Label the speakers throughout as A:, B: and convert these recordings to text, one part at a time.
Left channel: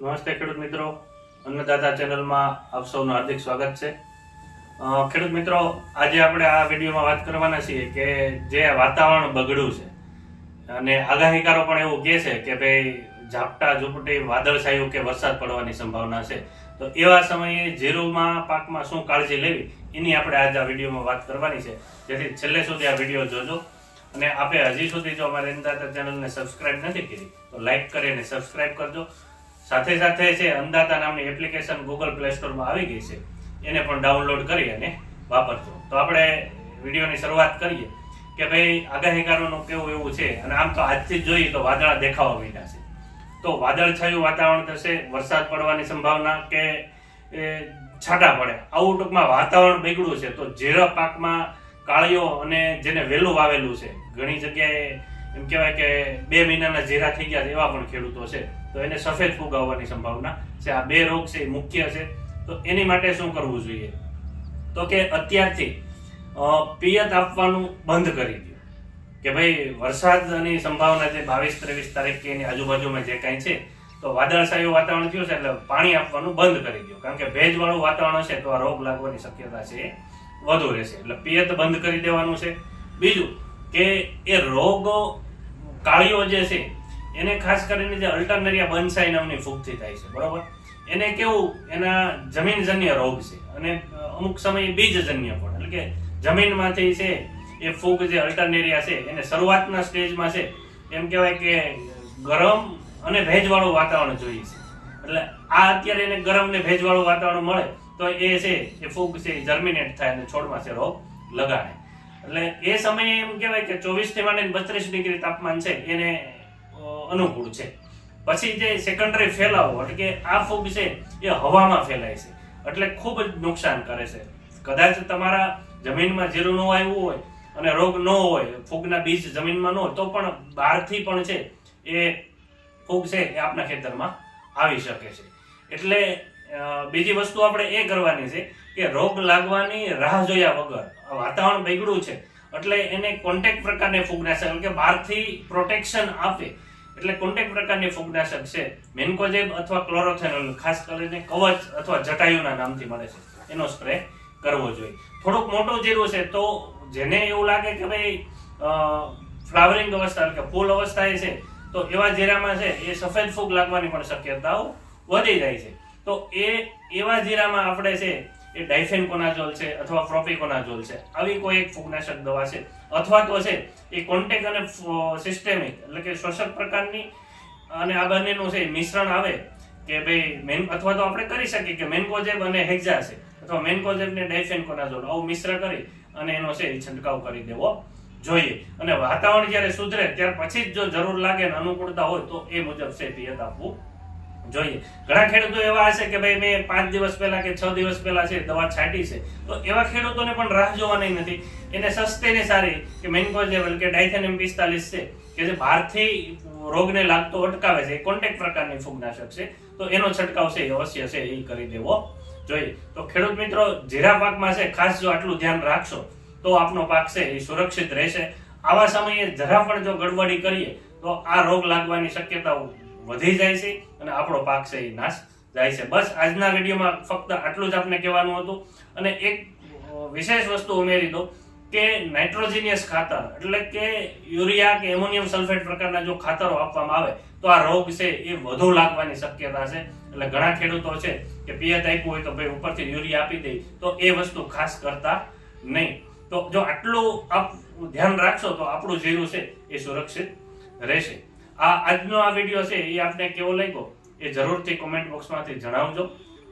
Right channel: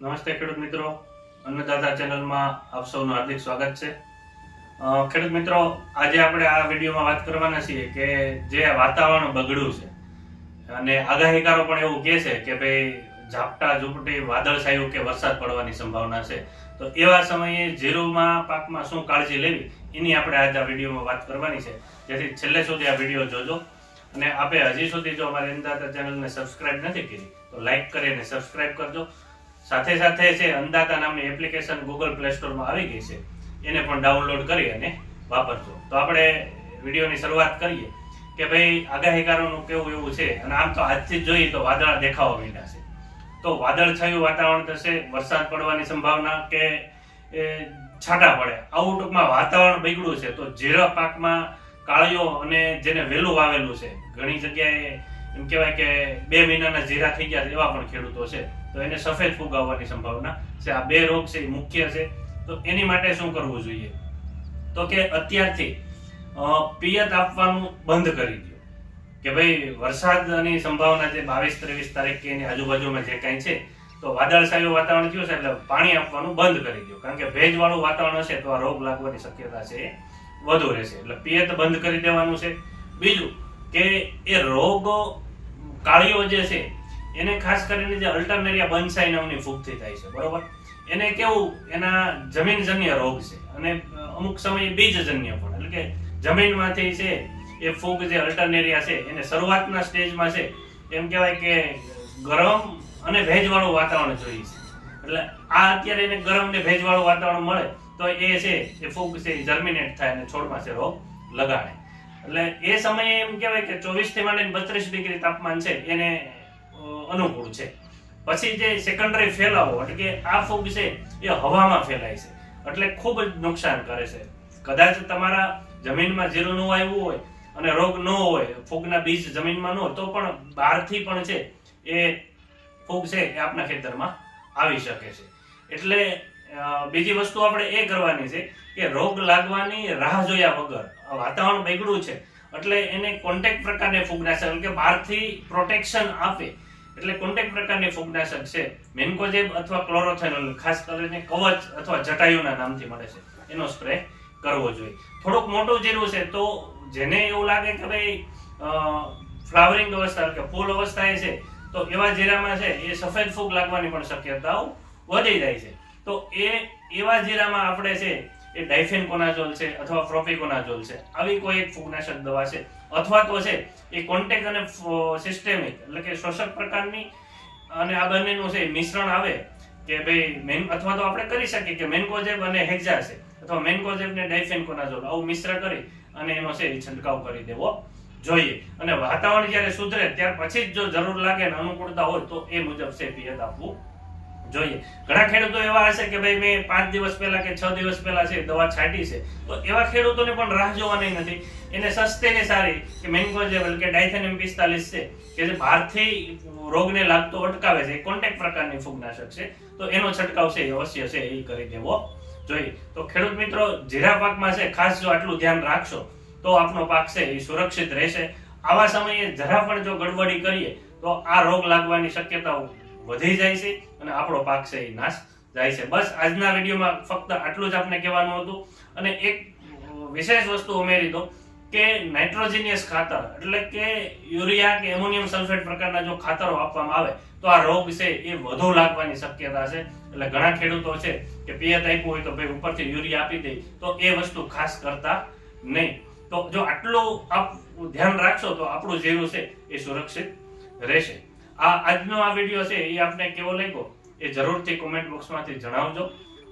A: નમસ્તે ખેડૂત મિત્રો. અન્નદાતા ચેનલમાં આપ સૌનું હાર્દિક સ્વાગત છે. ખેડૂત મિત્રો, આજે આપણે આ વિડીયોમાં વાત કરવાના છીએ કે જે વાતાવરણ બગડ્યું છે. અને આગાહીકારો પણ એવું કહે છે કે ભાઈ ઝાપટા ઝૂપટી વાદળછાયું કે વરસાદ પડવાની સંભાવના છે. તો એવા સમયે જીરુમાં પાકમાં શું કાળજી લેવી? એની આપણે આજે આ વિડીયોમાં વાત કરવાની છે. જેથી છેલ્લે સુધી આ વીડિયો જોજો. અને આપે હજી સુધી જો અમારી અન્નદાતા ચેનલને સબસ્ક્રાઇબ નથી કરી, તો લાઈક કરીને સબસ્ક્રાઇબ કરજો. સાથે સાથે છે, અંદાતા નામની એપ્લિકેશન ગૂગલ પ્લે સ્ટોરમાં આવી ગઈ છે. એને પણ ડાઉનલોડ કરી અને વાપરજો. તો આપણે વિડીયોની શરૂઆત કરીએ કે ભાઈ, આગાહીકારોનું કેવું એવું છે? અને આમ તો આજથી જ જોઈએ તો વાદળા દેખાવા માંડ્યા છે. તો વાદળછાયું વાતાવરણ થશે, વરસાદ પડવાની સંભાવના કે છાંટા પડે? આવું ટૂંકમાં વાતાવરણ બગડ્યું છે. તો ઝેરા પાકમાં કાળીઓ અને જેને વહેલું વાવેલું છે, ઘણી જગ્યાએ એમ કહેવાય કે બે મહિનાના જીરા થઈ ગયા છે એવા પણ ખેડૂતો છે. તો એને સફેદ ફૂગ આવવાની સંભાવના છે. આ બે રોગ છે, એ મુખ્ય છે. તો એની માટે શું કરવું જોઈએ? તો કે અત્યારથી પિયત આપવાનું બંધ કરી દો. કે ભાઈ, વરસાદની સંભાવના જે બાવીસ, ત્રેવીસ તારીખ કે એની આજુબાજુમાં જે કાંઈ છે, તો વાદળછાયું વાતાવરણ થયું છે એટલે પાણી આપવાનું બંધ કરી દો. કારણ કે ભેજવાળું વાતાવરણ હશે તો આ રોગ લાગવાની શક્યતા છે, વધુ રહેશે. એટલે પિયત બંધ કરી દેવાનું છે. બીજું કે એ રોગો કાળીઓ જે છે, એને ખાસ કરીને જે અલ્ટરનેરિયા બનસાઈ નામની ફૂગથી થાય છે, બરોબર? એને કેવું? એના જમીનજન્ય રોગ છે અને અમુક સમયે બીજજન્ય પણ, એટલે કે જમીનમાંથી છે, એ ફૂગ જે અલ્ટરનેરિયા છે, એને શરૂઆતના સ્ટેજમાં છે, એમ કહેવાય કે ગરમ અને ભેજવાળું વાતાવરણ જોઈએ છે. એટલે આ અત્યારે એને ગરમ ને ભેજવાળું વાતાવરણ મળે, તો એ છે, એ ફૂગ છે જર્મિનેટ થાય અને છોડમાં છે રોગ લગાડે. એટલે એ સમયે એમ કહેવાય કે ચોવીસથી માંડીને બત્રીસ ડિગ્રી તાપમાન છે, એને અનુકૂળ છે. પછી જે સેકન્ડરી ફેલાવો, એટલે કે આ ફૂગ છે, એ હવામાં ફેલાય છે. એટલે ખૂબ જ નુકસાન કરે છે. કદાચ તમારા જમીનમાં જીરું ન આવ્યું હોય અને રોગ ન હોય, ફૂગના બીજ જમીનમાં ન હોય, તો પણ બહારથી પણ છે, એ ફૂગ છે એ આપના ખેતરમાં આવી શકે છે. એટલે બીજી વસ્તુ આપણે એ કરવાની છે કે રોગ લાગવાની રાહ જોયા વગર વાતાવરણ બગડ્યું છે, એટલે એને કોન્ટેક પ્રકારની ફૂગનાશક કે બહારથી પ્રોટેક્શન આપે, એટલે કોન્ટેક પ્રકારની ફૂગનાશક છે, મેન્કોજેબ અથવા ક્લોરોથેનોલ ખાસ કરીને કવચ અથવા જટાયુના નામથી મળે છે, એનો સ્પ્રે કરવો જોઈએ. થોડુંક મોટું જીરું છે તો જેને એવું લાગે કે ભાઈ ફ્લાવરિંગ અવસ્થા, કે ફૂલ અવસ્થાએ છે, તો એવા જીરામાં છે એ સફેદ ફૂગ લાગવાની પણ શક્યતાઓ વધી જાય છે. તો એ એવા જીરામાં આપણે છે, એ ડાયફેનકોનાઝોલ છે અથવા પ્રોપિકોનાઝોલ છે. આવી કોઈ એક ફૂગનાશક દવા છે. અથવા તો છે, એ કોન્ટેક અને સિસ્ટેમિક એટલે કે શોષક પ્રકારની અને આ બંનેનું છે, મિશ્રણ આવે કે ભાઈ મેન, અથવા તો આપણે કરી શકીએ કે મેન્કોજેબ અને હેક્ઝા છે. અથવા મેન્કોજેબ ને ડાયફેનકોનાઝોલ, આવું મિશ્ર કરી અને એનો છે, એ છંટકાવ કરી દેવો જોઈએ. અને વાતાવરણ જ્યારે સુધરે, ત્યાર પછી જ જો જરૂર લાગે ને અનુકૂળતા હોય તો એ મુજબ છે, પિયત આપવું જોઈએ. ઘણા ખેડૂતો એવા હશે કે ભાઈ મેં પાંચ દિવસ પહેલા કે છ દિવસ પહેલા છે, દવા છાંટી છે. તો એવા ખેડૂતોને પણ રાહ જોવાની નથી. એને સસ્તી ને સારી કે મેન્કોજેબલ કે ડાયથેનિયમ પિસ્તાલીસ છે, કે જે બહારથી રોગને લાગતો અટકાવે છે કોન્ટેક પ્રકારની ફૂગનાશક છે. તો એનો છંટકાવ છે, એ અવશ્ય છે, એ કરી દેવો. જોઈએ. તો ખેડૂત મિત્રો, જીરા પાકમાં છે, ખાસ જો આટલું ધ્યાન રાખશો, તો આપનો પાક છે, એ સુરક્ષિત રહેશે. આવા સમયે જરા પણ જો ગડબડી કરીએ, તો આ રોગ લાગવાની શક્યતાઓ વધી જાય છે અને આપણો પાક છે એ નાશ જાય છે. બસ આજના વિડીયોમાં ફક્ત આટલું જ આપને કહેવાનું હતું અને એક વિશેષ વસ્તુ ઉમેરી દો કે નાઇટ્રોજિનિયસ ખાતર એટલે કે યુરિયા કે એમોનિયમ સલ્ફેટ પ્રકારના જો ખાતરો આપવામાં આવે તો આ રોગ છે એ વધુ લાગવાની શક્યતા છે. એટલે ઘણા ખેડૂતો છે કે પિયત આપ્યું હોય તો ભાઈ ઉપરથી યુરિયા આપી દે તો એ વસ્તુ ખાસ કરતા નહીં. તો જો આટલું આપ ધ્યાન રાખશો તો આપણું જીરું છે એ સુરક્ષિત રહેશે. આ આજનો આ વીડિયો છે એ આપને કેવો લાગ્યો? એ જરૂરથી કોમેન્ટ બોક્સમાંથી જણાવજો.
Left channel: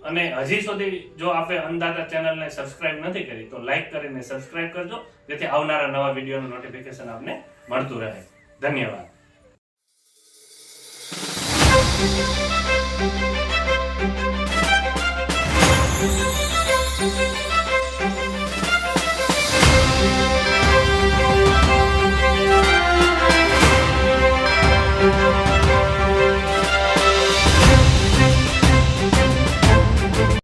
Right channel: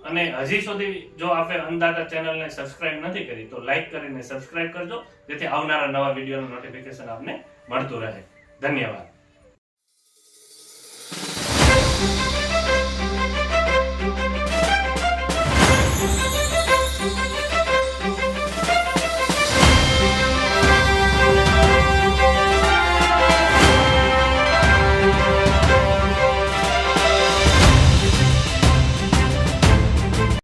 A: અને હજી સુધી જો આપે અંદાતા ચેનલને સબસ્ક્રાઇબ નથી કરી, તો લાઈક કરીને સબસ્ક્રાઇબ કરજો. જેથી આવનારા નવા વિડીયોનું નોટિફિકેશન આપને મળતું રહે. ધન્યવાદ.